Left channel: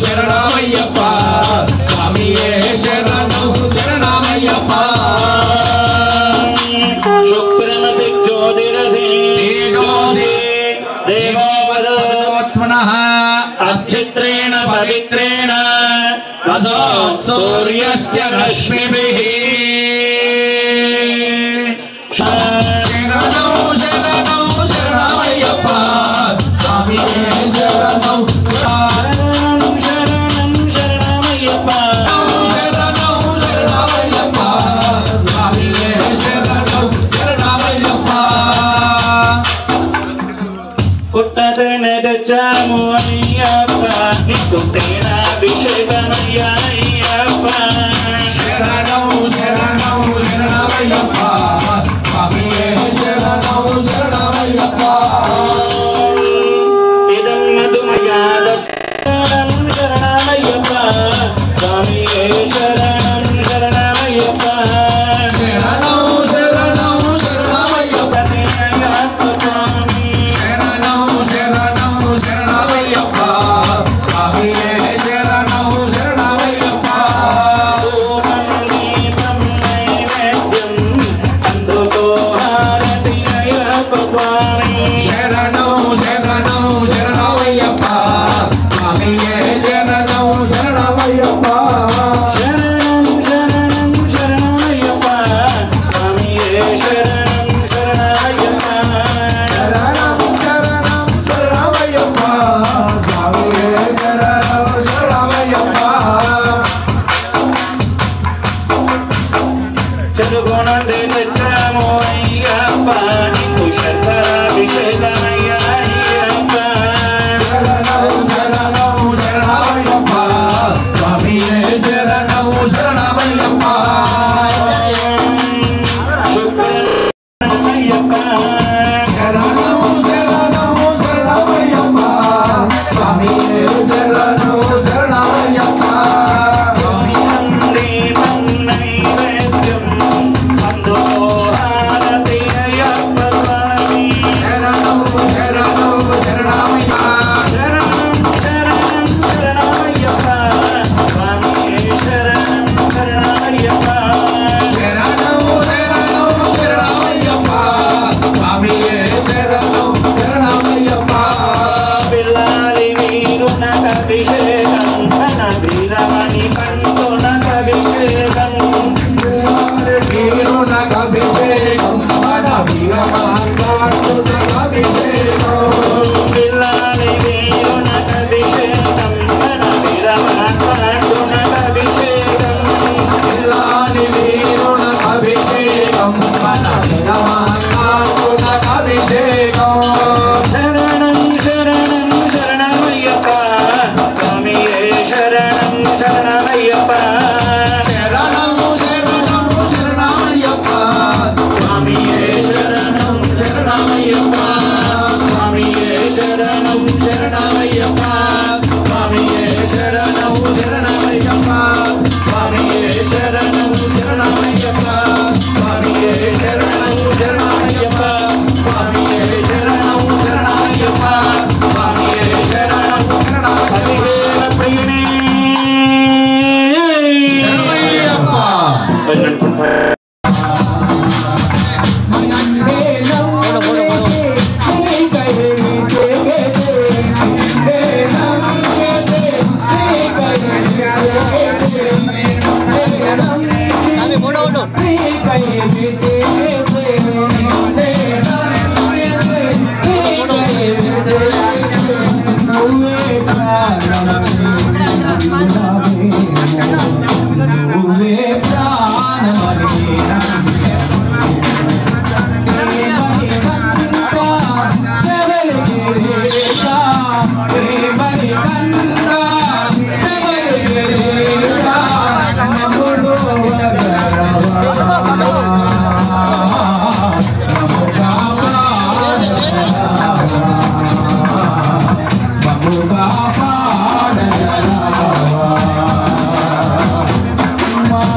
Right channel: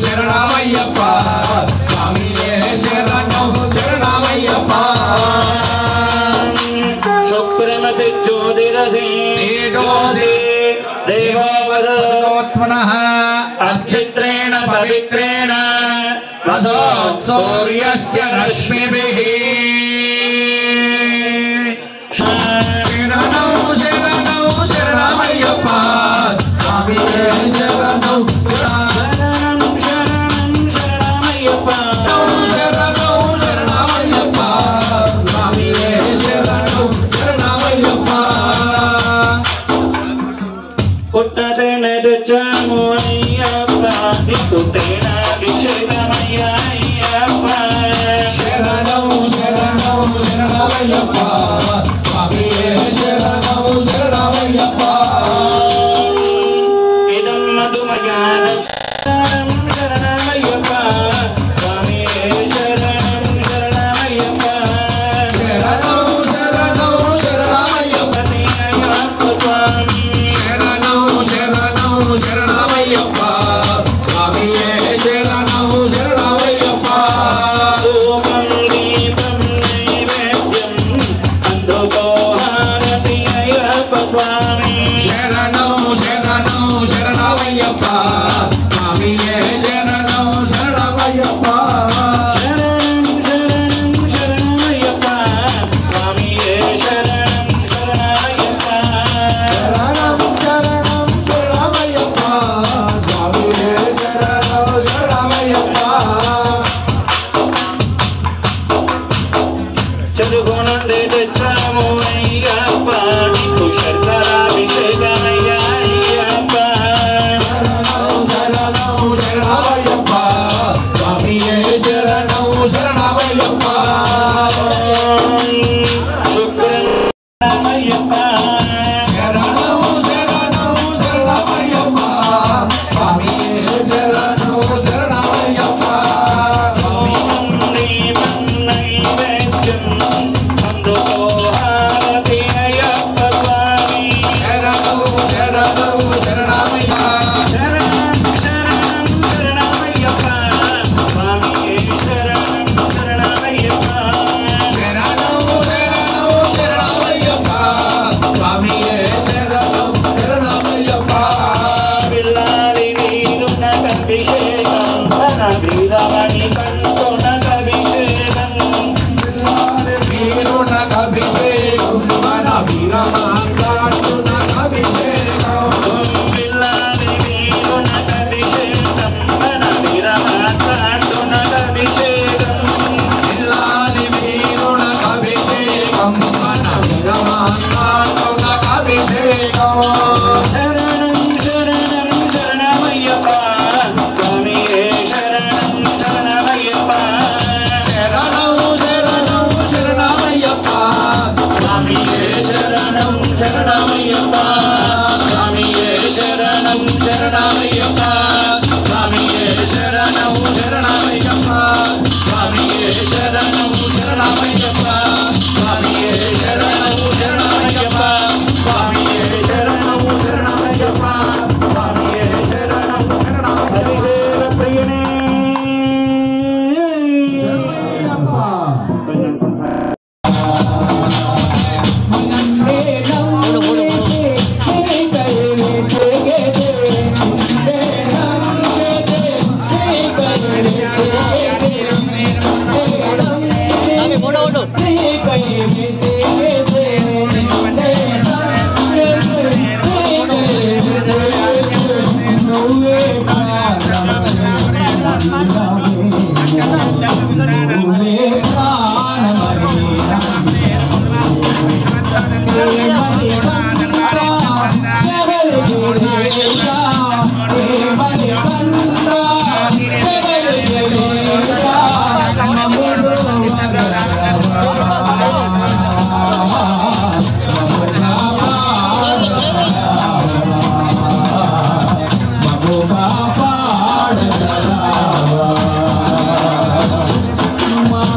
శరణమయ్యప్ప స్వామియే శరణం శరణమయ్యప్ప శుక్రమతి జ్యోతిరసి దేవోవదాత్మనః అచ్చిత్రేణ పవిత్రేణ తదో సూర్యస్య రశ్మిభిః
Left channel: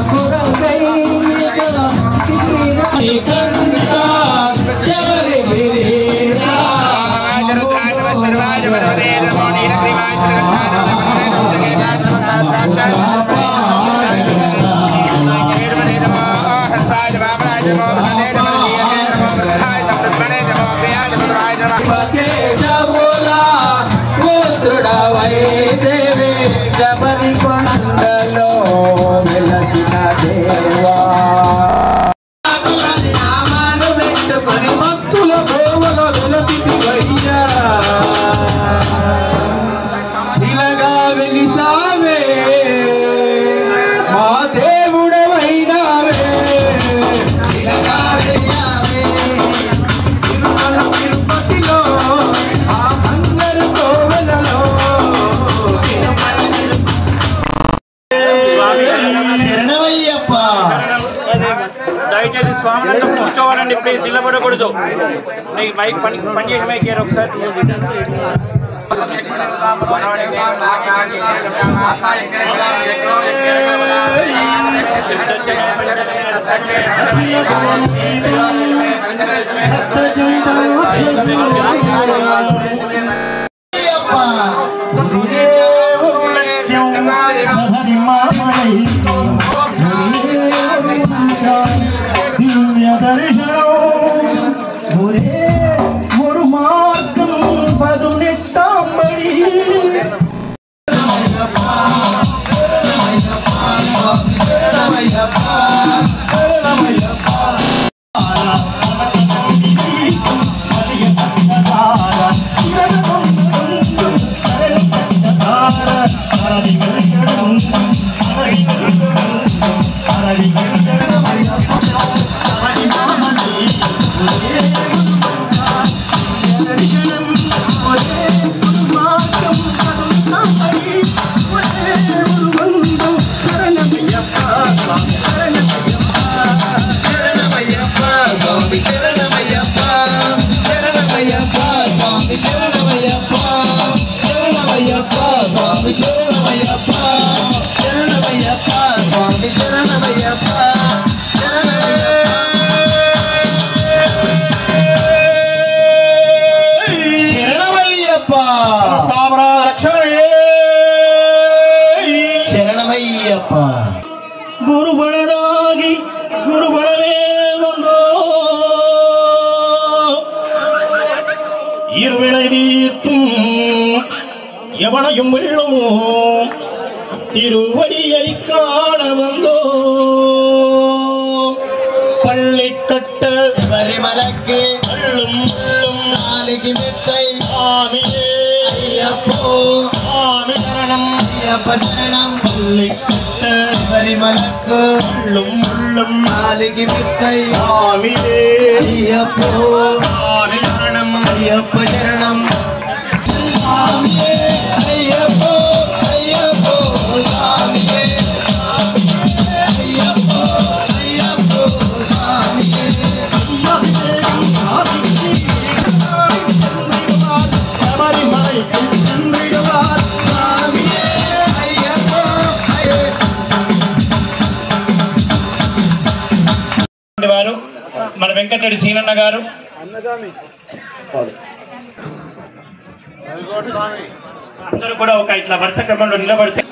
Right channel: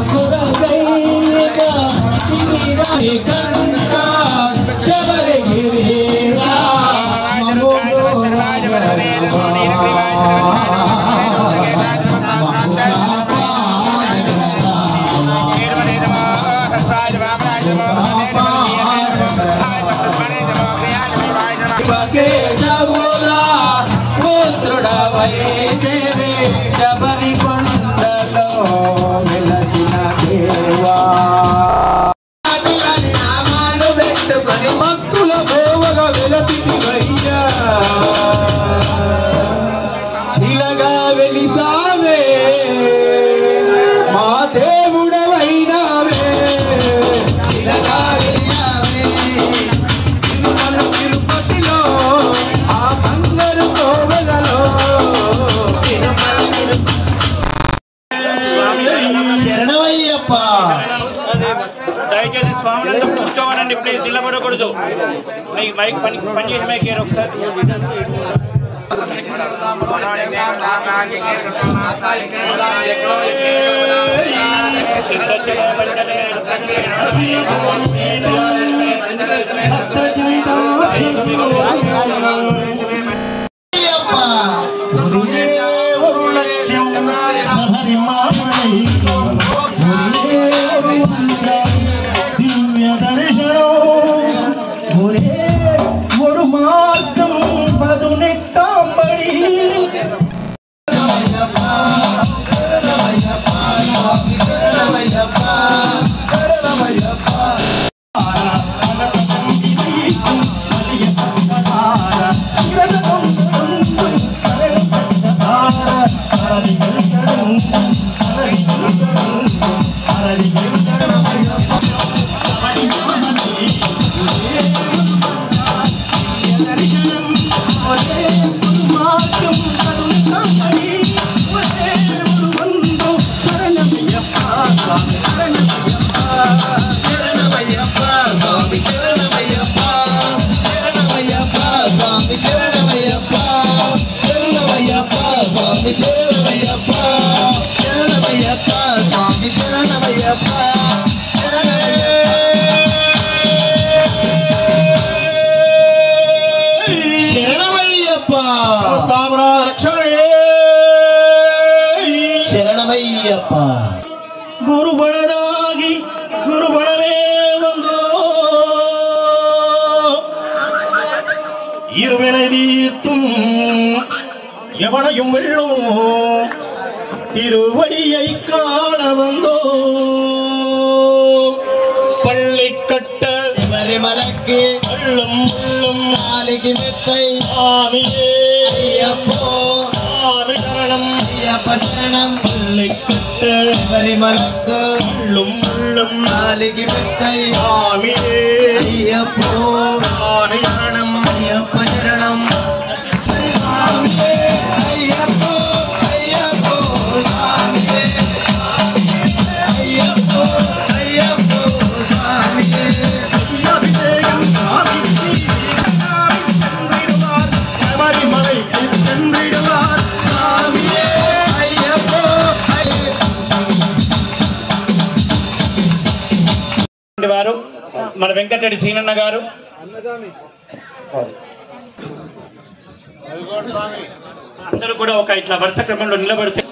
Baba శివకేశవులా పుత్రుడవై దేవి శబరి కొండలో వెలసిన దేవా నామాను పెట్టుకొని భక్తుల భోవగా వెలతికి వయ్యా ఇలాగా వెలిసావే మా దేవుడవైనావే ఇలాగా తిరుపతిలో ఆ అందరు కోవలలో శరణమయ్యప్ప దయచేసి స్వాములంతా కూర్చోవాలండి, ప్లీజ్ నిలబడకూడదు. మైక్ పనిచేసి మైక్ ఒకసారి குருபணராகி குருபணமே வந்தோ இருவினை தீர்த்தும் எவனையும் வெள்ளும் திருவடியை காண வந்தோ பள்ளிக்கட்ட வரிமலக்கு உள்ளும் உள்ளும் நாளைக்கு மெத்தை ஆமியே ஐயப்போ ஆமி சரணம் ஐயப்ப சரணம் பள்ளிக்கட்ட வரிமலக்கு உள்ளும் உள்ளும் நாளைக்கு மெத்தை ஆமியே ஐயப்போ ஆமி சரணம் ஐயப்ப சரணம் ஆமியே ஐயப்போ ஐயப்போ ஆமியே ஐயப்போ ஐயப்போ ஆமியே వారు మన వెంకటరెడ్డి సీనన్న గారు, అందరూ కూడా ఒక ఇట్లా వరుస క్రమంలో నిలబడితే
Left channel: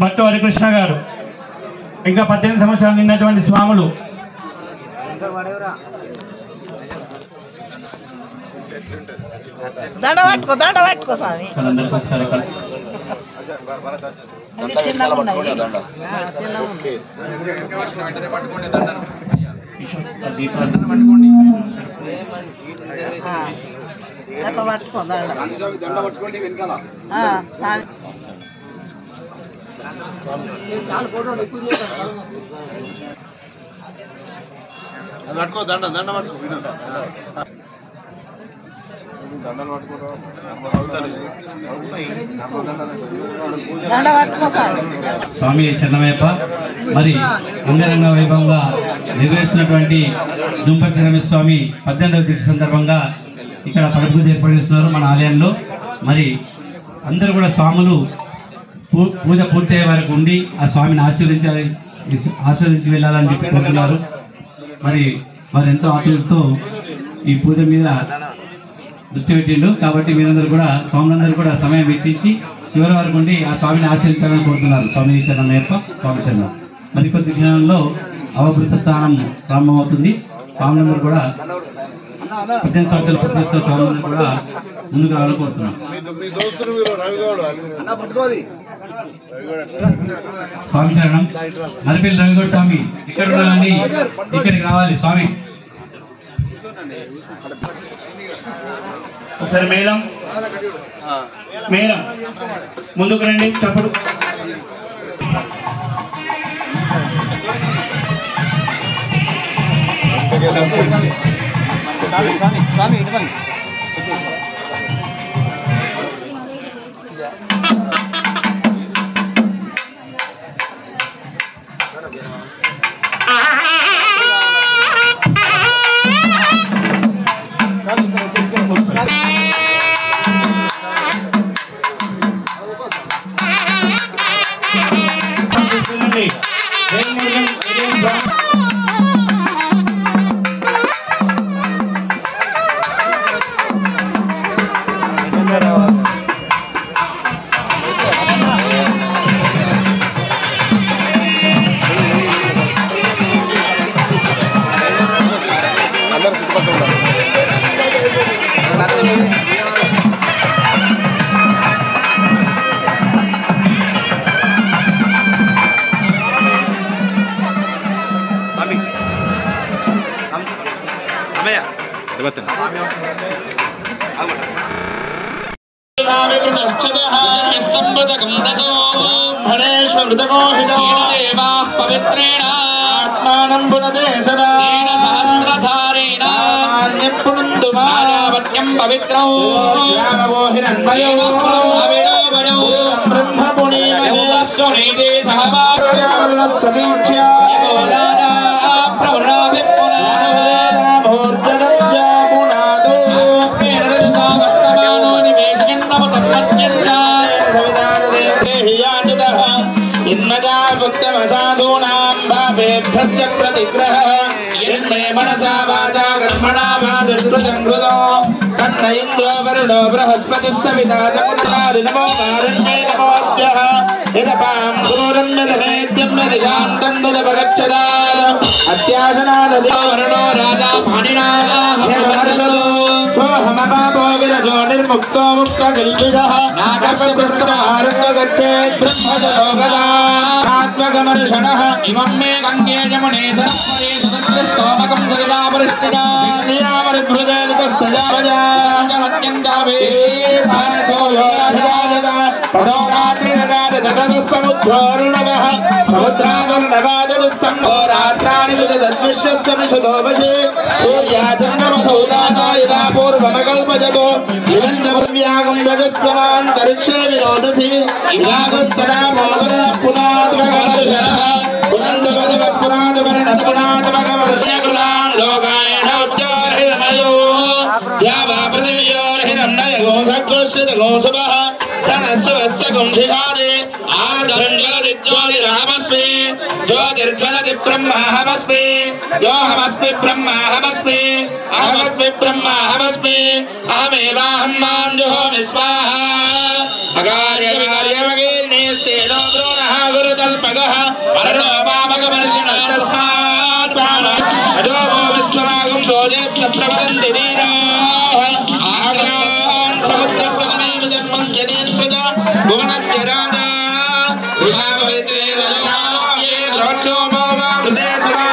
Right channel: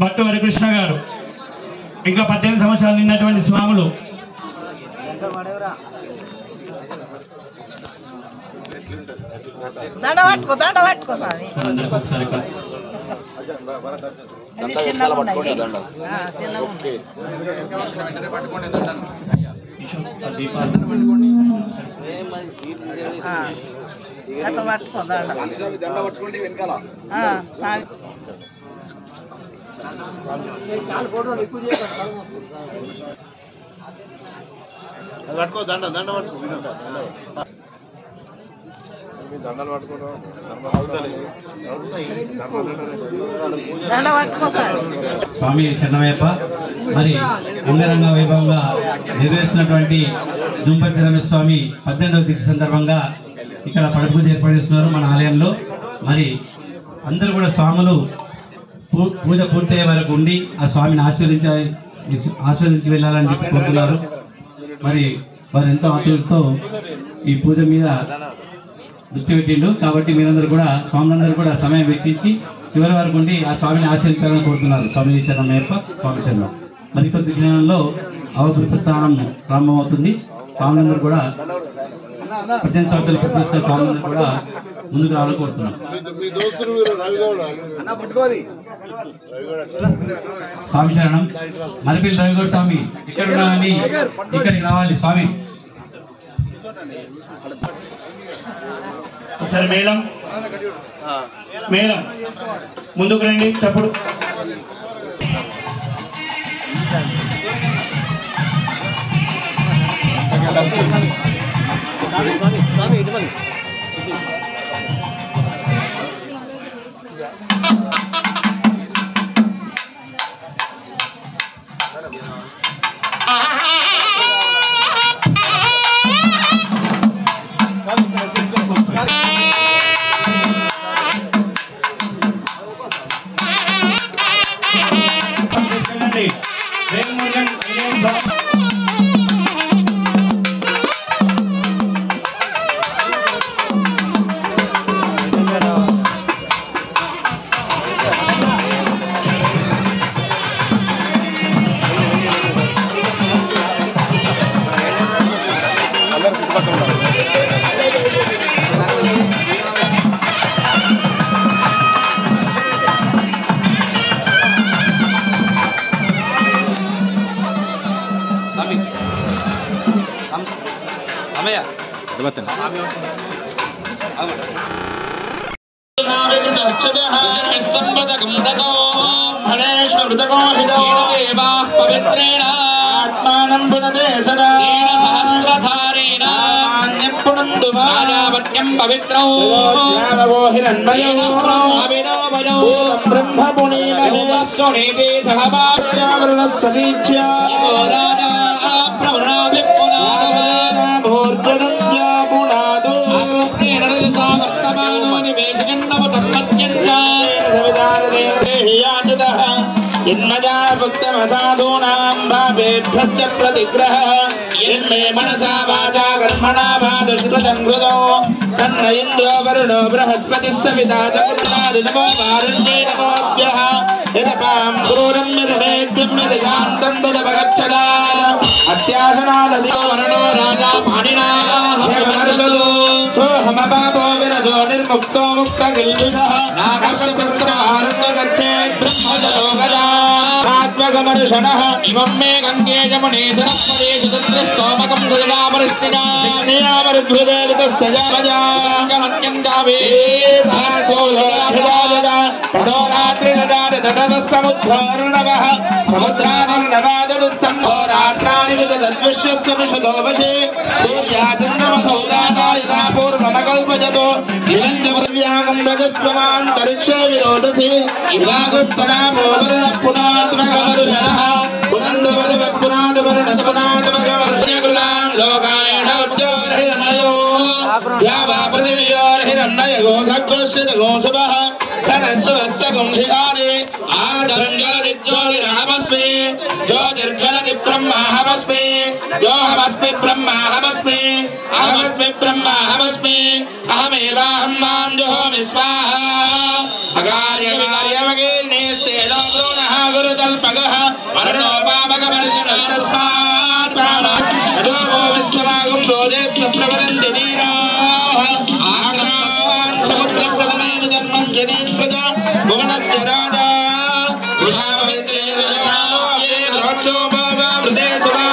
భట్టు హరికృష్ణ గారు, ఇంకా 18 సంవత్సరాలు నిన్నటువంటి స్వాములు చాలా ఫోటోలు ఎక్కువ పట్టుకో దండ దండ పట్టుకో దండలు పట్టుకో స్వామి శరణమయ్యప్ప. మరి అంగరంగ వైభవంగా నిర్వహిస్తున్నటువంటి దుంపతి రమేష్ స్వామి 18వ దీక్ష సందర్భంగా ఇక్కడ పడపూజ ఏర్పాటు చేస్తున్నారు మన ఆలయంలో. మరి అందరూ కూడా స్వాములు పూజ పూర్తయ్యే వరకు ఉండి ఆ స్వామిని ఆశీర్వదించి వెళ్ళాలని చెప్పి కోరుతున్నారు. మరి వారు ఎంతో ఆశతో ఈ పూజ మీద దృష్టి పెట్టిండు. కాబట్టి మీరందరూ కూడా స్వాములందరూ కూడా సమయం వెచ్చించి చివరి వరకు ఉండి ఆ స్వామిని ఆశ్రయించాలని కోరుతున్నారు. స్వామి శరణమయ్యప్ప, స్వామి శరణం. మరికొద్ది క్షణంలో అవభృత స్థానం ప్రారంభమవుతుంది. స్వామిని కూడా 18 సంవత్సరాలు ప్రతిష్ట స్వామిని కూడా ముందుకు రావాలని కోరుతున్నాం. స్వామి శరణం. మరిపల్లి రవిగౌడ్ స్వామి ఇక్కడ ఉండాలని ఇక్కడికి రావాలి స్వామి. ఒకసారి మేడం మేడం ముందుకు రండి. చప్పుడు प्रतिग्रह मनसा वाचा कर्मणा वा दुष्कृतं हृदो तन्न इन्द्रो वरुणो बृहस्पतिः सविता चक्रनारिनमो वारण्ये नमोऽभ्यः यदपां घोरं यदवेद्यं यदशान्तं यदपगच्छदान अत्याशनाददो वरुणो राजा पाणिनाः हेमर्षदो सोऽहमपापो विरजो निर्मुक्तो मुक्तकिल्बिषः नागस्यष्टारण्य गच्छेत् ब्रह्मजलोकदा आत्मगमर्षणः इमं मे गङ्गे जमुने सरस्वती सुतत्रस्तोमकं दया परिस्थिता सिग्नियामरुद्भुता वितस्तजावजा कलक्यन्दावे दासोलोधजावजा पदोरात्रिरजाद ततः समुद्रोर्णवः समुद्रादर्णवाददुस्सम्भो रात्राणि विदद्विश्वस्य विशदोपशे सूर्याचन्द्रमसौ दाता यदा पूर्वमकल्पजतो निरञ्जप्रव्यागं रजस्वमान्तरिक्षे विरोधसि विरागस्तनामो वरुणः पुनात्मकमर्षणः पुनन्दवसव पुनादवर्णपुनादमगमर्षकृतान् लोकानेन उद्योर्हिरण्मयो द्यावा पृथिव्योर्हिरण्मयो सद्गोश्रितगोसुभः सनस्वस्य गुंशिखादे आर्धङ्गलदिज्योतिरामस्मि ज्योतिर्गलति ब्रह्माहमस्मि योऽहमस्मि ब्रह्माहमस्मि अहमस्मि ब्रह्माहमस्मि अहमेवाहं मां जुहोमि स्वाहा अकार्यकार्यवगेर्नेस्तेनो ब्रूणः गुरुतल्पगः वर्णो वामगमर्षणस्तस्मात् पावः अजोभो विश्वमागुं भोजेत्वप्रवदन्ति नीराः आग्रान् समुद्रप्रथमैव जन्मं जनेत्रजा भुवनस्य राजा विशाभवित्रे वर्षाणो ये रोक्षोभो वा हृदे सुवा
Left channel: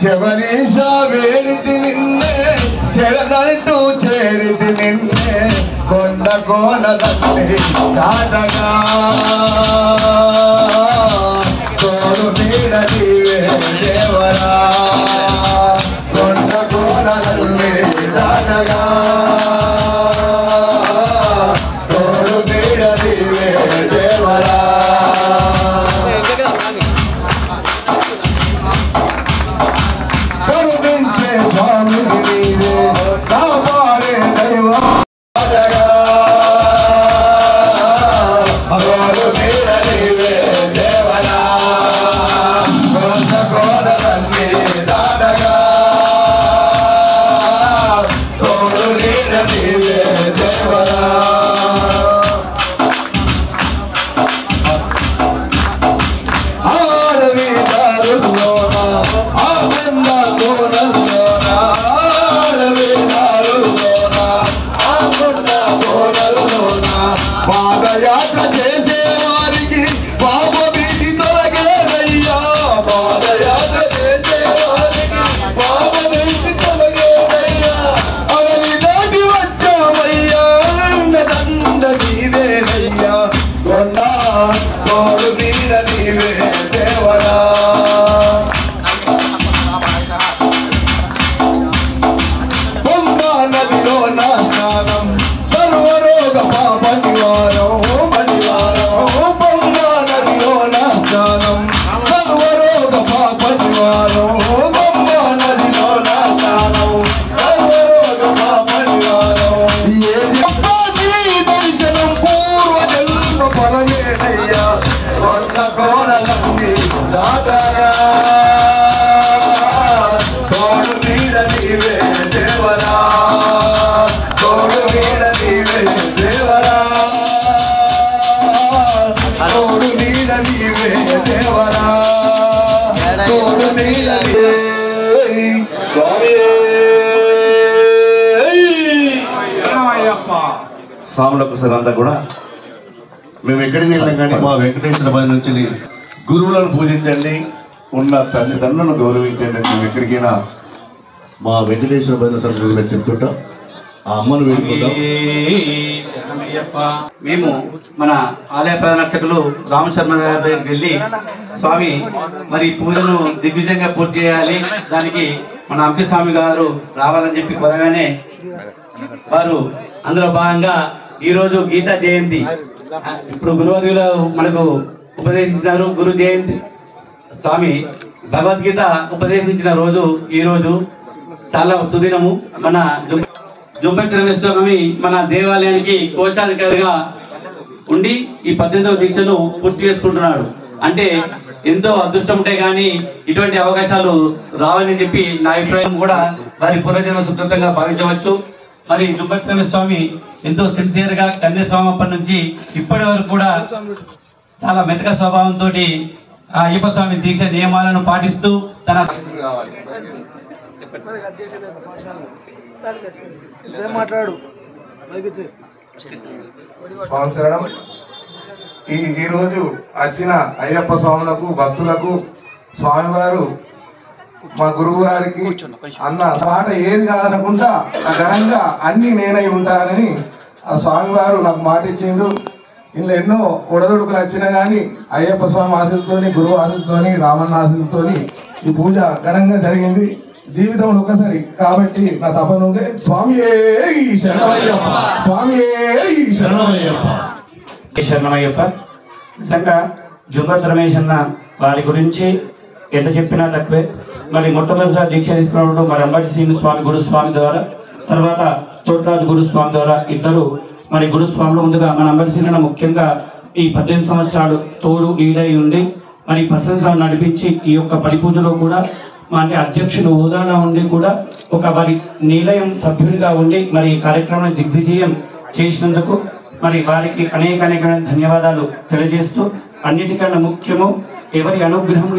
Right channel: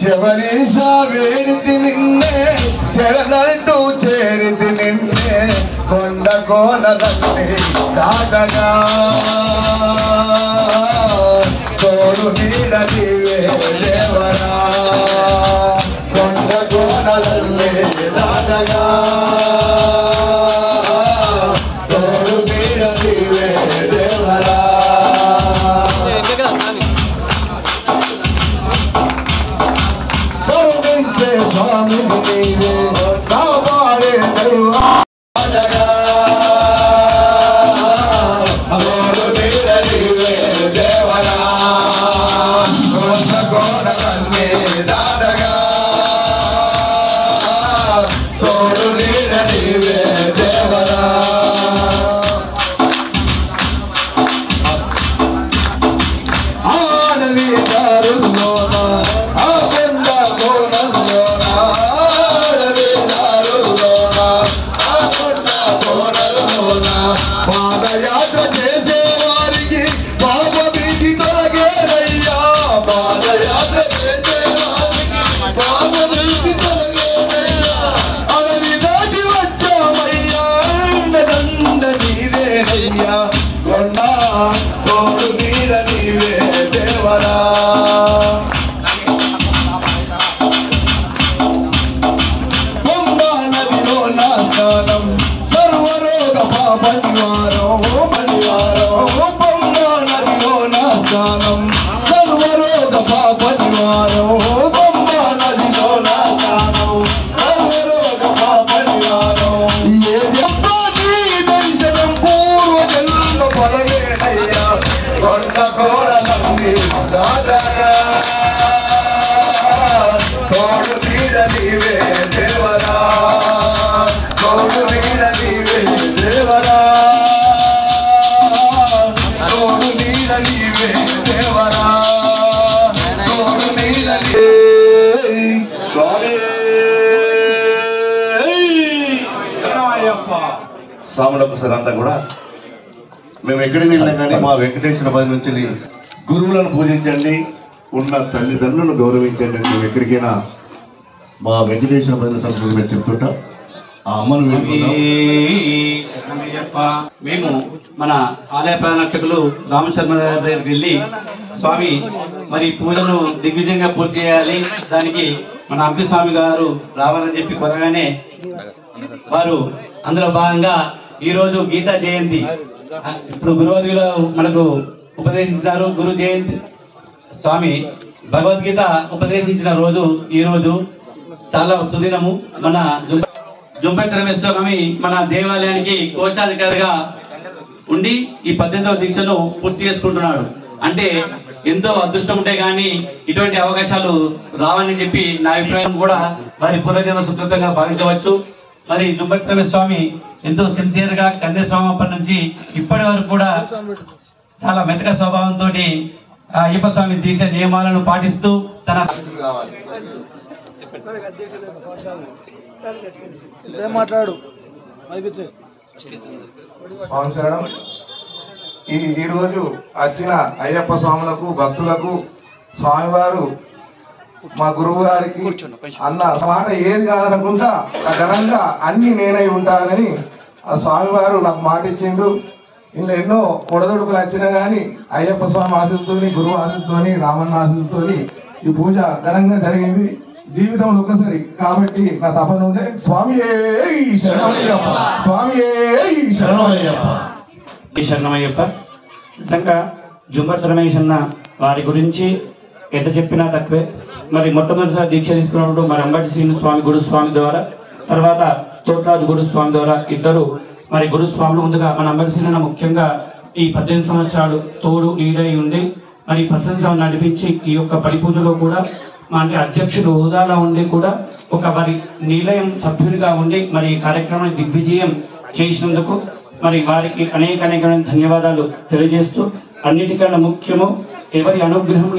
శబరీశా వేడితి నిన్నే చెరదంటూ చేరితి నిన్నే కొండ కోనదన్ని దాటగా స్వాములకు సార్ అంతా కూడా మేము ఎక్కడికి వెళ్ళాం కానీ మా వెంకటేశ్వర పది నుంచి గురువులను పూజించండి, ఉన్న తల్లిదండ్రులను గౌరవించండి. మేము ఎక్కడికైనా మా వెంకటేశ్వర భజన సభ్యులుగా చెప్తుంటాం. ఆ అమ్మను వేడుకుంటాం. మేము మన ఆలయ ప్రదర్శకులు రామశర్మ గారి దగ్గరికి వెళ్ళి స్వామి మరి పూజను దిగ్విజయంగా పూర్తి చేయాలి, దానికి మన అంపి స్వామి గారు రావాలని చెప్పి కోరగానే వారు అందులో భాగంగా ఈ రోజు గీతా జయంతి, ఇప్పుడు గురువారిలో మనకు ఉపదేశించినారు. గురు జయంతి స్వామి భగవద్గీత ఉపదేశించిన రోజు ఈ రోజు చాలా సుదినము. మన జుంపతి రమేష్ స్వామి మన దేవాలయానికి కోశాధికారిగా ఉండి ఈ 18వ దీక్షను పూర్తి చేసుకుంటున్నాడు. అంటే ఎంతో అదృష్టం ఉంటే గానీ ఇటువంటి అవకాశాలు రావని చెప్పి నా అభిప్రాయం. కూడా వారి పూర్వజన్మ సుకృతంగా భావించవచ్చు. మరి జుంపతి రమేష్ స్వామి ఎంతో సిన్సియర్ గా కన్యాస్వామి అప్పటి నుంచి ఇప్పటి వరకు కూడా చాలా మెతక స్వభావంతో అయ్యప్ప స్వామి దీక్ష నియమాలను పాటిస్తూ తన మాట్లాడు సంవత్సరం ఈ రోజు వచ్చిన అయ్యప్ప స్వాములకు భక్తులకు స్వామివారు మా గురువు గారికి అన్న మాట ఏది కాదనకుండా ఘనంగా అన్ని నేనై ఉంటానని ఆ స్వామివారు నాకు మాట ఇచ్చిండు. ఇలా ఎన్నో ఒడదొడుకులు వచ్చినా గానీ అయ్యప్ప స్వామి ఆశలతోని, గురువు ఆశలతోని, రామన్న ఆశలతోని ఈ పూజ ఘనంగా జరిగింది. జీవితంలో ఒకసారి కాబట్టి నా తపన ఉంది. స్వామి శరణమయ్యప్ప, స్వామి శరణమయ్యప్ప, శరణమయ్యప్ప. నిజంగా జుంపతి రమేష్ అన్న వారి గురించి ఎంత చెప్పినా తక్కువే. మరి మొట్టమొదటిసారి దీక్ష తీసుకున్నప్పుడు మరి అంబటి శ్రీని స్వామి గురుస్వామి ద్వారా, తర్వాత తోటరాజు గురుస్వామి ద్వారా ఇద్దరు మరి గురుస్వాములు. ముందుగా మన అంబటి శ్రీని ముఖ్యంగా ఈ 18 సంవత్సరాలు తోడు నీడై ఉండి మరి 18 సంవత్సరాలు నడిపించి ఈ యొక్క పరిపూజలో కూడా మా అంటే అధ్యక్షుడు హోదాలో ఉండి కూడా ఒక మరి నిలయం సభ్యుడిగా ఉండి మరి ఈ కార్యక్రమాన్ని దిగ్విజయం చేసినందుకు మరి వారికి అనేక ధన్యవాదాలు తెలియజేస్తూ, అన్నిటికన్నా ముఖ్యము ఎవరి అనుగ్రహం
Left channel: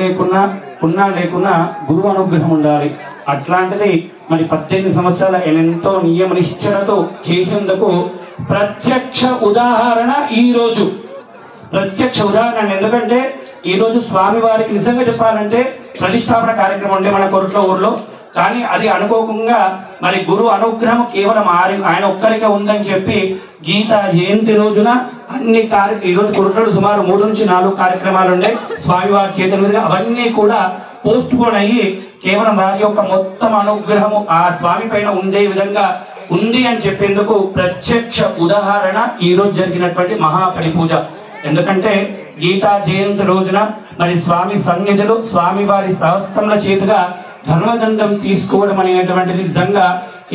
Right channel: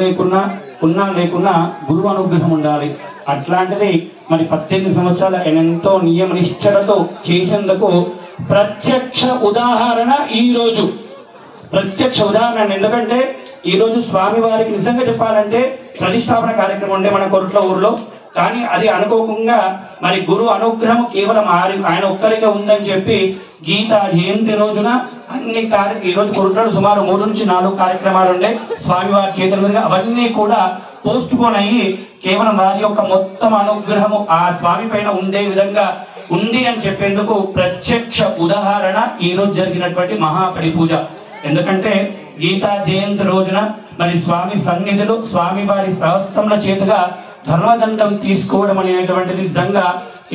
ఉన్నా లేకున్నా గురువు అనుగ్రహం ఉండాలి. అట్లాంటిది మరి 18 సంవత్సరాల ఎంతో నియమ నిష్ఠలతో చేసినందుకు ప్రత్యక్ష ఉదాహరణ ఈ రోజు. ప్రత్యక్ష ఉదాహరణ ఎందుకంటే ఈ రోజు స్వామి వారికి నిజంగా చెప్పాలంటే ప్రతిష్టాపన కార్యక్రమం అంటే మన కొరట్లో ఊర్లో, కానీ అది అనుకోకుండా మరి గురువు అనుగ్రహం కేవలం ఆయన ఒక్కరికే ఉందని చెప్పి గీతా జయంతి రోజున అన్ని ఈ రోజు కొరట్లో సుమారు 3 నుంచి 4 కార్యక్రమాలు ఉండే స్వామివారి చేతుల మీదుగా అవన్నీ కూడా పోస్ట్ పోన్ అయ్యి కేవలం వారి యొక్క మొత్తం అనుగ్రహము ఆ స్వామి పైన ఉండే విధంగా ఉంది అని చెప్పేందుకు ప్రత్యక్ష ఉదాహరణ ఈ రోజు జరిగినటువంటి మహాపరిపూజ. ఎందుకంటే గీతా జయంతి రోజున మరి స్వామి సన్నిధిలో స్వామి వారి సహస్రముల చేతుగా ధర్మదండం తీసుకోవడం అనేటువంటిది నిజంగా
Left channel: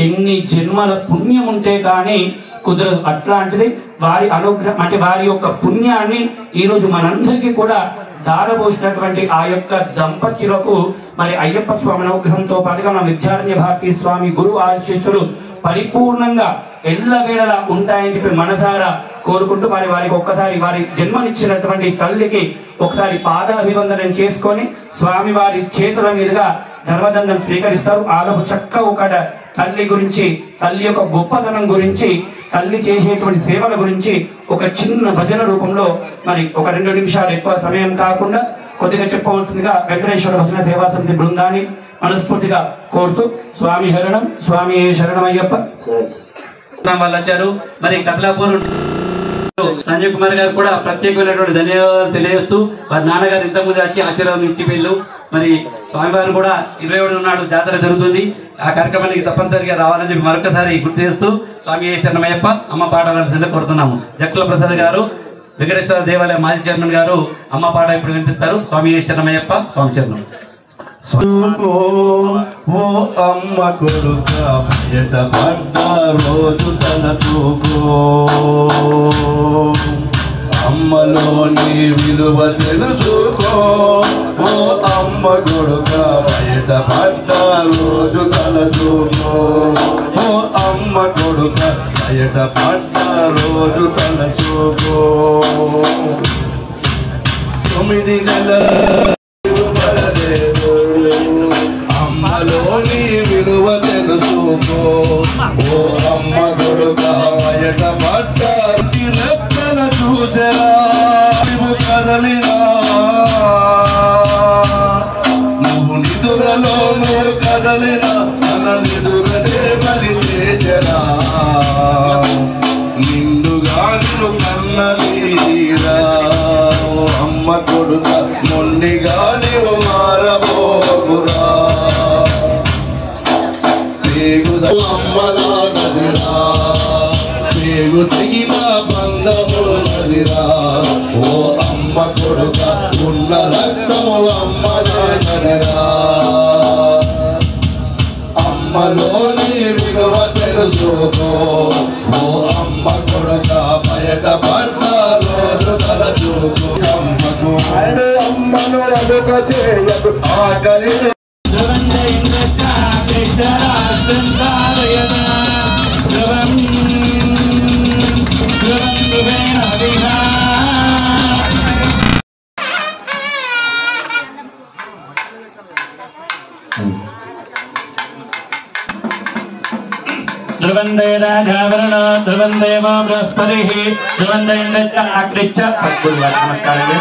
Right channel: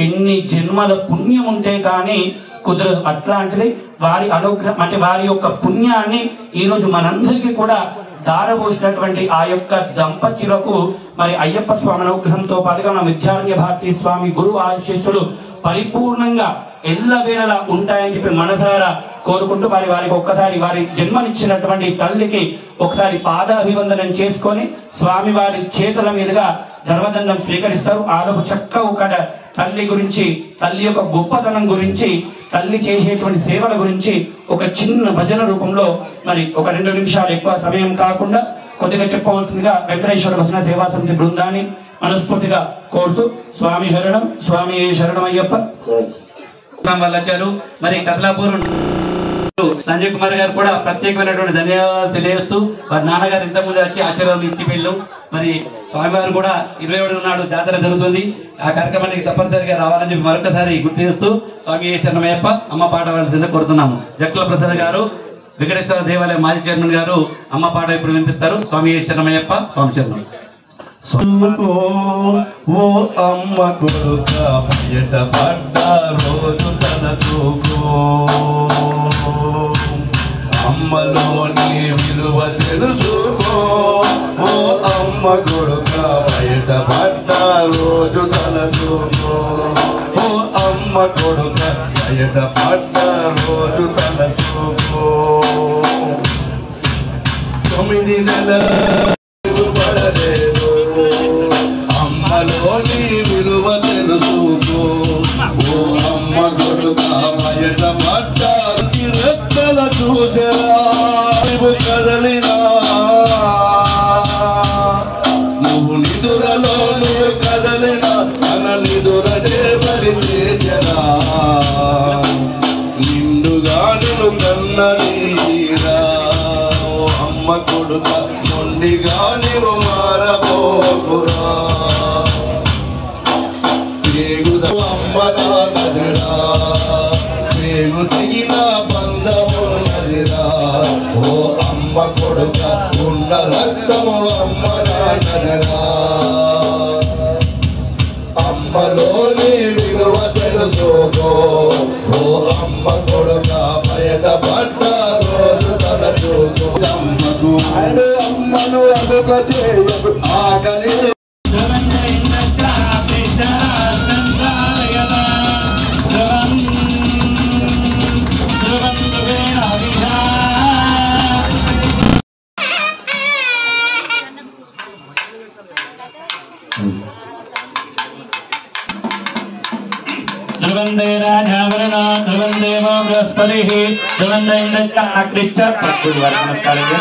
ఎన్ని జన్మల పుణ్యం ఉంటే కానీ కుదరదు. అట్లాంటిది వారి అనుగ్రహం అంటే వారి యొక్క పుణ్యాన్ని ఈ రోజు మనందరికీ కూడా దారపోసినటువంటి ఆ యొక్క దంపతులకు మరి అయ్యప్ప స్వామి అనుగ్రహంతో పాటుగా మన విద్యారణ్య భారతీ స్వామి గురువు ఆశీస్సులు పరిపూర్ణంగా ఎల్లవేళలా ఉంటాయని చెప్పి మనసారా కోరుకుంటూ మరి వారికి ఒక్కసారి వారి జన్మనిచ్చినటువంటి తల్లికి ఒకసారి పాదాభివందనం చేసుకొని స్వామి వారి చేతుల మీదుగా ధర్మదండం స్వీకరిస్తారు. ఆలోపు చక్క ఒక తల్లి గురించి, తల్లి యొక్క గొప్పతనం గురించి, తల్లి చేసేటువంటి సేవల గురించి ఒక చిన్న భజన రూపంలో మరి ఒక 2 నిమిషాలు ఎక్కువ సమయం కాకుండా కొద్దిగా చెప్పవలసిందిగా వెంకటేశ్వర భజన సేవా సమితి బృందాన్ని మనస్ఫూర్తిగా కోరుతూ స్వామి శరణం, స్వామి శరణమయ్యప్ప. వాళ్ళు వచ్చారు. మరి కత్లాపూర్ సంజయ్ కుమార్ గారు కూడా ప్రత్యేకమైనటువంటి ధన్యవాదాలు తెలియజేస్తూ వారి నాన్నగారు ఇంతకుముందు వచ్చి ఆశీర్వాదం ఇచ్చి వెళ్ళు. మరి స్వామివారు కూడా 27 నాడు జాతర జరుగుతుంది. ఆ కార్యక్రమానికి తప్పనిసరిగా రావాలని చెప్పి మరొకసారి గుర్తు చేస్తూ స్వామి శరణమయ్యప్ప అమ్మ పాట వారిని కోరుతున్నాము. జక్కల ప్రసాద్ గారు వెంకటేశ్వర దేవాలయ మాజీ చైర్మన్ గారు అమ్మ పాట ఇప్పుడు వినిపిస్తారు. స్వామి శరణమయ్యప్ప, స్వామి శరణం. ఓ అమ్మ కొడుక బయట పడ్డ రోజు తలచుకో, అమ్మలోని విలువ తెలుసుకో. ఓ అమ్మ కొడుక బయట పడ్డ రోజు తలచుకో, ఓ అమ్మ కొడుక బయట పడ్డ రోజు తలచుకో. 9 నెలల అమ్మలోని విలువ తెలుసుకో. ఓ అమ్మ కొడుక బయట పడ్డ అమ్మలో నదిరా పేగు తెగిన బంధము నదిరా ఓ అమ్మ కొడుక ఉన్న రక్తము అమ్మలో నదిరా అమ్మలోని విలువ తెలుసుకో ఓ అమ్మ కొడుక బయట పడ్డ రోజు తలచూకు అమ్మను ఎదుక చేయదు ఆకలి ధ్రువందే రాజావరణ ధ్రువందేవ బృహస్పతి ధ్రువందే ఆకృష్ట నమస్కారం.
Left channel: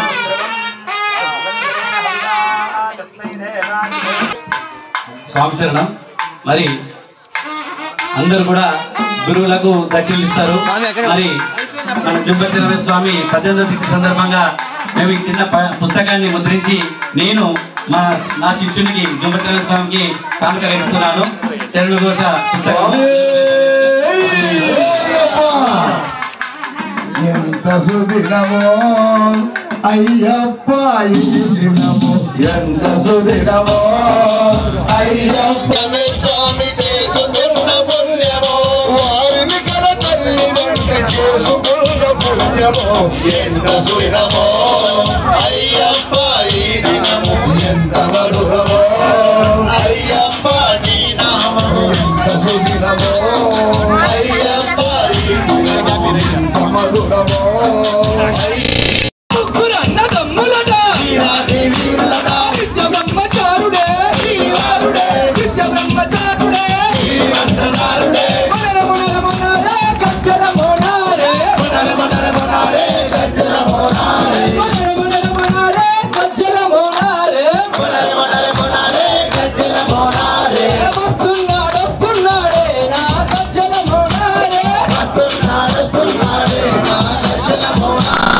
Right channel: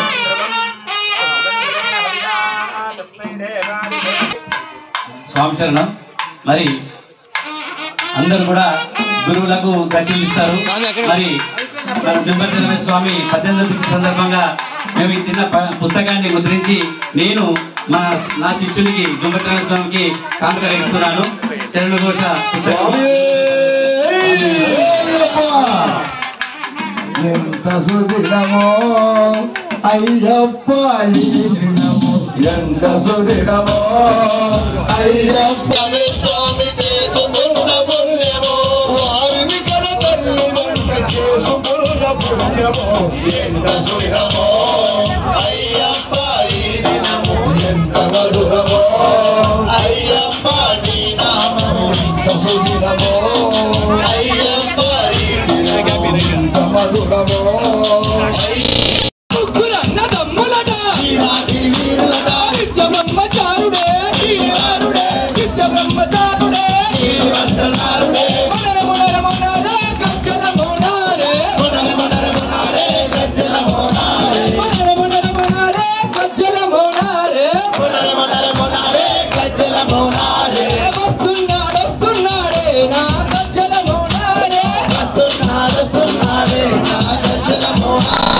స్వామి శరణం. మరి అందరూ కూడా గురువులకు దర్శనమిస్తారు. మరి మన జుంబత్తి రమేష్ స్వామి 18వ సందర్భంగా మేము ఈ చిన్న పుస్తకాన్ని ముద్రించి నేను నా శిష్యునికి జుంబత్తి రమేష్ స్వామికి కానుక ఇస్తున్నాను. శరణ ఘోష పుస్తకం. ఎంత సుదినమో అయ్యప్ప ఈ దినమో ఎంత సుదినమో అయ్యప్ప స్వామి చేసుకున్న పుణ్యమో వారిని కన తల్లిదండ్రి చేసుకున్న పుణ్యమో ఎంత సుదినమో అయ్యప్ప ఈ దినమో ఎంత మధురమో అయ్యప్ప నీ నామో ఎంత సుదినమో అయ్యప్ప ఈ దినమో ఎంత మధురమో ముగ్గురు అన్నదమ్ములట వీరులట నిత్య బ్రహ్మచారుడే నిత్య బ్రహ్మచారుడే మనర మనర మనరే కచ్చర మోనారే మనర మనర మనరే కచ్చర మోనారే మనర మనర మనరే కచ్చర మోనారే మనర మనర మనరే కచ్చర మోనారే వస్తున్నాడే నా కచ్చర మోనారే వస్తున్నాడే నా కచ్చర మోనారే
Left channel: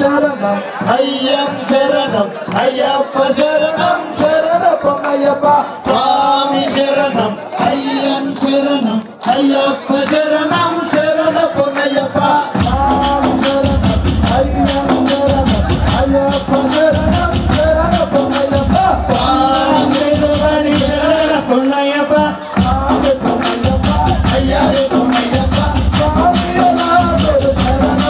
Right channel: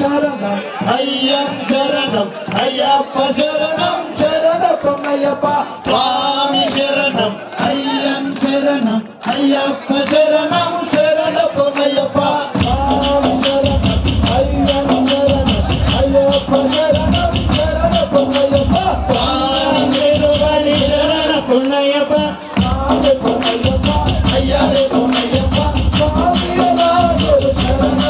శరణం అయ్యం శరణం అయ్యప్ప శరణం శరణ పొంగయ్యప్ప స్వామి శరణం అయ్యం శరణం అయ్యప్ప శరణం శరణ పొంగయ్యప్ప స్వామి శరణం అయ్యం శరణం అయ్యప్ప శరణం శరణ పొంగయ్యప్ప స్వామి శరణం శరణ పొంగయ్యప్ప స్వామి పొంగయ్యప్ప అయ్యారే పొంగయ్యప్ప స్వామి శరణ పొంగయ్యప్ప శరణ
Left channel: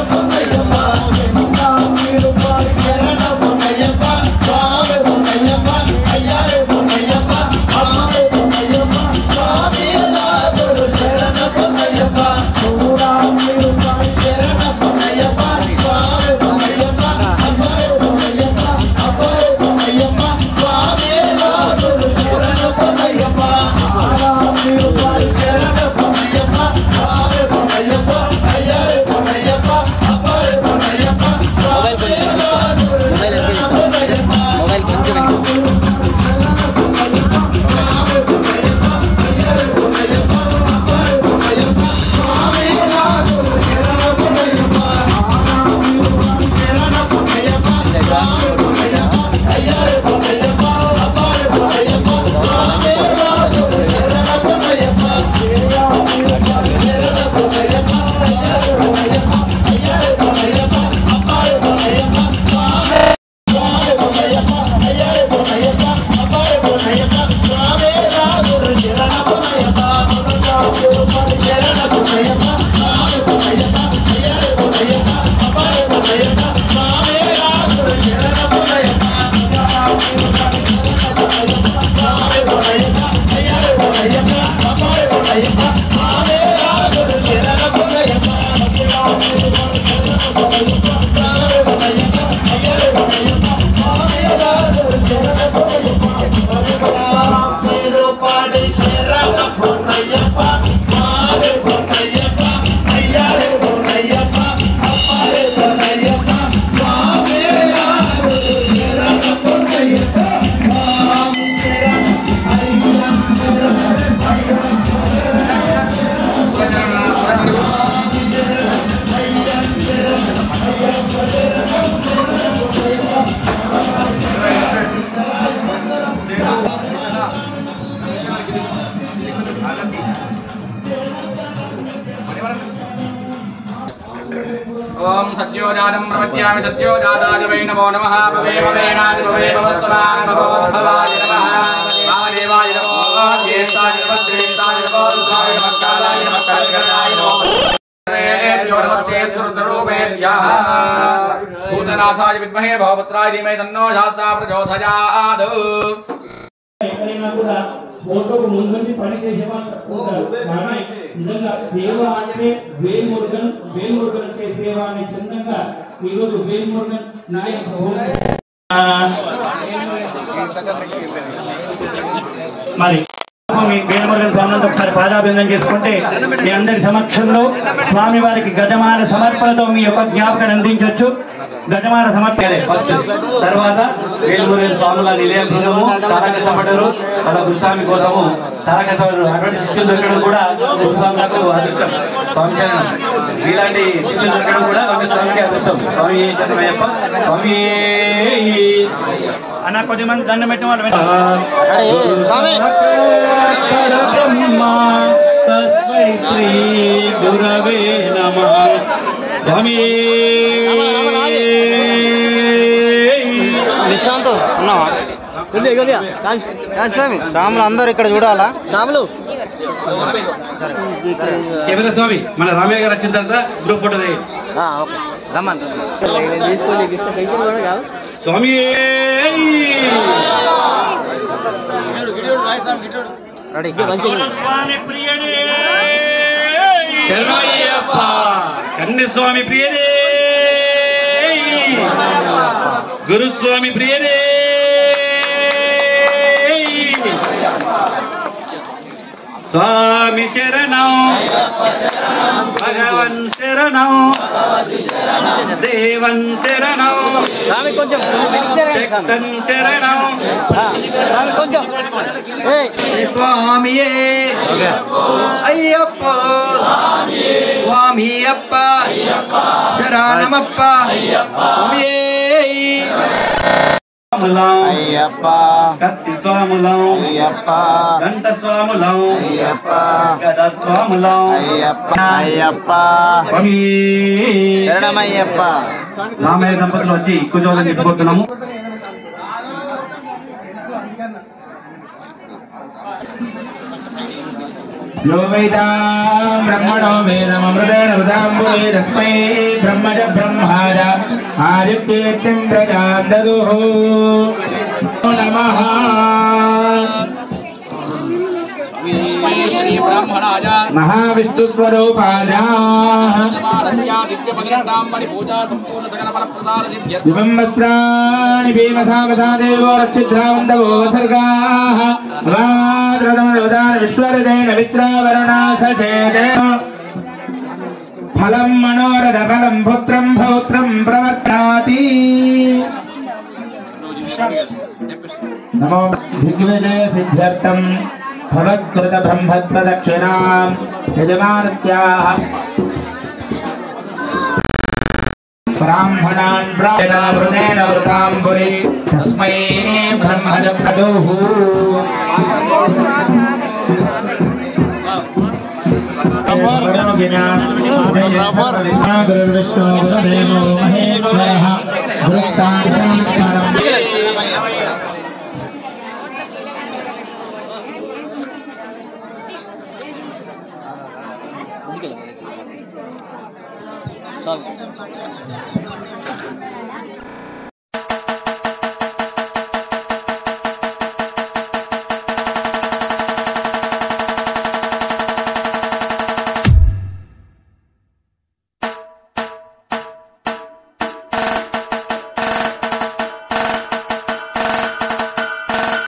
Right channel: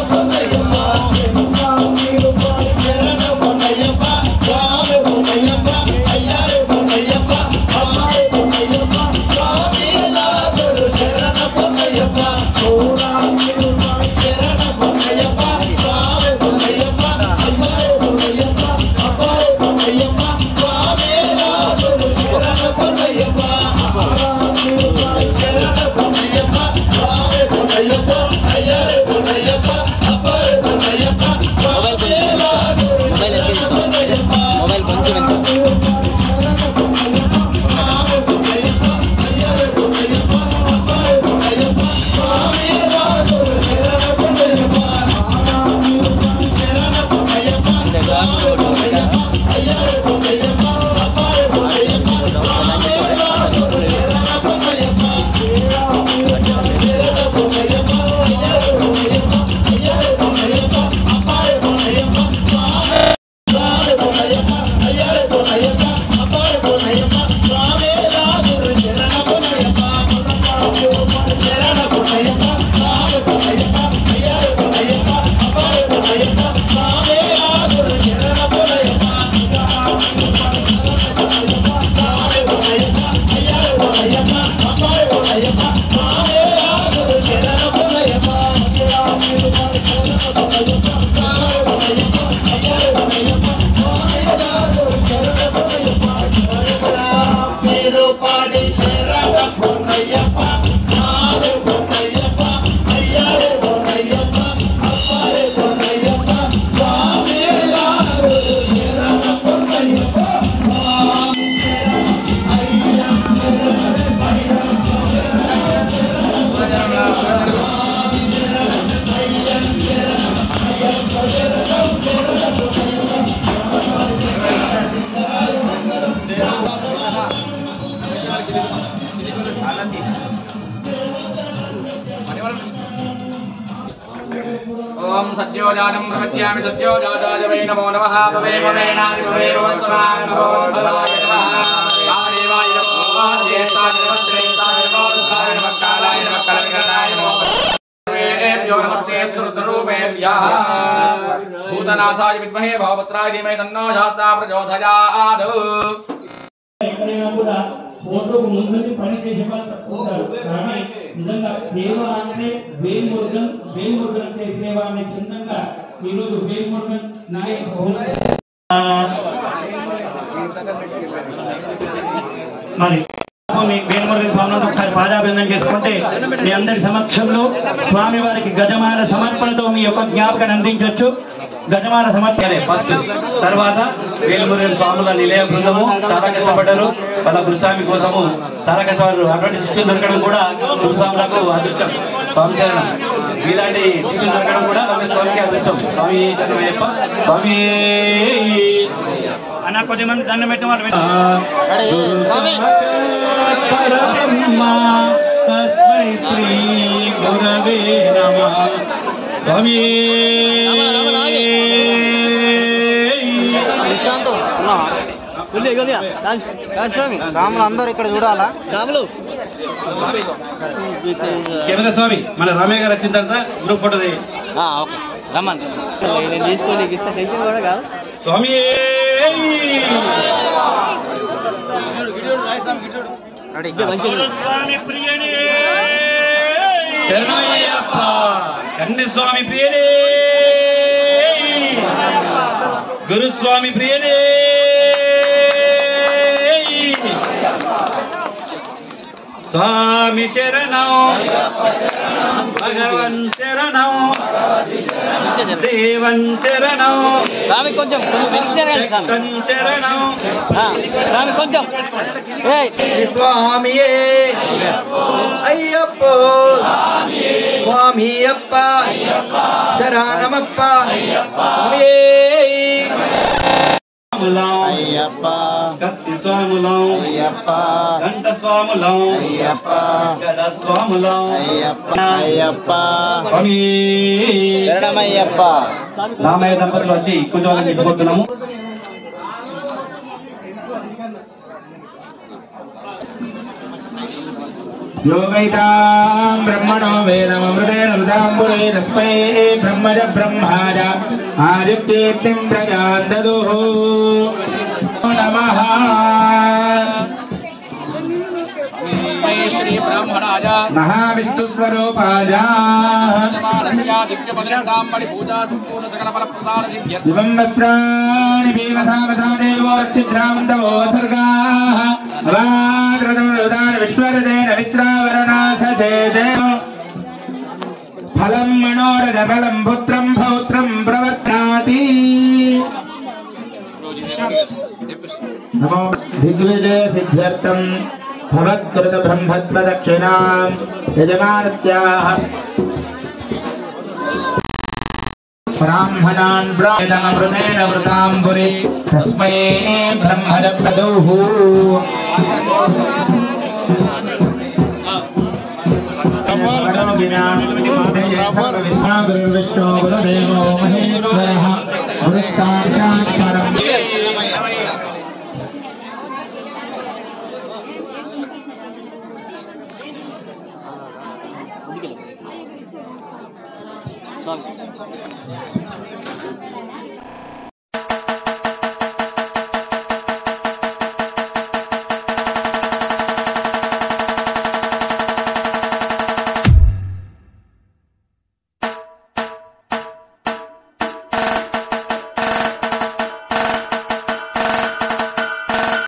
పొంగయ్యప్ప స్వామి పొంగయ్యప్ప అయ్యారే పొంగయ్యప్ప స్వామి పొంగయ్యప్ప స్వామి శరణ పొంగయ్యప్ప శరణ పొంగయ్యప్ప స్వామి పొంగయ్యప్ప అయ్యారే పొంగయ్యప్ప అబ్బారే పొంగయ్యప్ప స్వామి శరణ పొంగయ్యప్ప శరణ పొంగయ్యప్ప స్వామి పొంగయ్యప్ప అయ్యారే పొంగయ్యప్ప అబ్బారే పొంగయ్యప్ప మొబైల్ सद्योजातं प्रपद्यामि सद्योजाताय वै नमो नमः भवे भवेनादि भवे भवस्वान् भवोद्भवाय नमः महादेवाय नमो ज्येष्ठाय नमः श्रेष्ठाय नमः रुद्राय नमः कालाय नमः कल्पनाय नमः नमस्ते स्तुतरूपेभ्यः भूतनाथाय विद्महे भवपुत्राय धीमहि तन्नो शास्ता प्रचोदयात् ఎక్కడైనా కూడా ఫోటోకు ముందుండి పని చేసే వాళ్ళు తక్కువ ఉంటారు. కానీ నిజంగా సేవ అంటే వేల్మురుగన్ అంటే సేవ అనే చిన్నంగా ఈరోజు వేల్మురుగన్ నాయక్ మరి మీ వేల్మురుగన్ స్వామితో ఒకసారి పాదాభివందనం చేసుకుంటే మీ అందరి సమక్షంలో స్వామివారికి గజమాల సమర్పణతో మీ యొక్క జ్ఞాపకాన్ని అందించవచ్చు. గజమాల సమర్పణ ఫస్ట్, తర్వాత వేల్మురుగన్ స్వాముల నిలయం బృందము చాలా కష్టపడ్డారు. వాళ్ళ గురుస్వామి కోసము చాలా కష్టపడ్డారు. అటువంటి శిష్యులు దొరకడం కూడా గురుస్వాములకు అదృష్టం. స్వామి శరణం. ఇలాంటి శిష్యులు దొరకడం కూడా స్వామికి అదృష్టం. స్వామి శరణమయ్యప్ప. స్వామి అన్న కొద్దిమంది దండం పెట్టి మాట గురవే నమః. స్వామి స్వాములు అందరూ ఇక్కడ చూడాలా? స్వాములు కెమెరా స్వామి మన రామయ్య గారు వచ్చిన తర్వాత గ్రూప్ ఫోటో రమ్మని స్వామి స్వామి ప్రియనే శరణమయ్యప్ప. కన్యస్వామి ప్రియనే గురుస్వామి ప్రియనే స్వామి శరణం భగవన్ శరణం దేవన్ శరణం శక్తన్ శరణం స్వామియే అయ్యప్ప స్వామియప్ప శరణమప్ప అయ్యప్ప కత్తి స్వాములం అయ్యప్ప దండ స్వాములం అయ్యప్ప గద స్వాములం అయ్యప్ప అయ్యప్ప స్వామి శరణమయ్యప్ప. రామయ్య దంపతులు వచ్చి కుజోలను నింపుకుంటున్నాము. यो वेदां ब्रह्मणो वेदमृतेन वृदाम्बुरे तस्मै ब्रह्मज ब्रह्माज आदित्येत्यं प्रजां ददुः नमः. श्री ब्राह्मणाय महाविष्णुस्वरूपाय दिवं वस्त्राणि भीमसामसा देवो रक्षिद्रावन्तवो सर्गाः विश्वरजैन मित्रावरुणा सचेते फलं मनोरथफलं पुत्रं पौत्रं प्रवर्तनाति. नमो दिग्विजय सिद्ध्यर्थं भवत्कृत ब्रह्मप्रदक्षिणां यजमानत्याः ब्राह्मणान् ब्राह्मणेन वृताम्बुरि तस्मै ब्रह्मज प्रदुः. गुरुर्विष्णु गुरुदेवो महेश्वरः गुरुस्ताक्षात्परम्.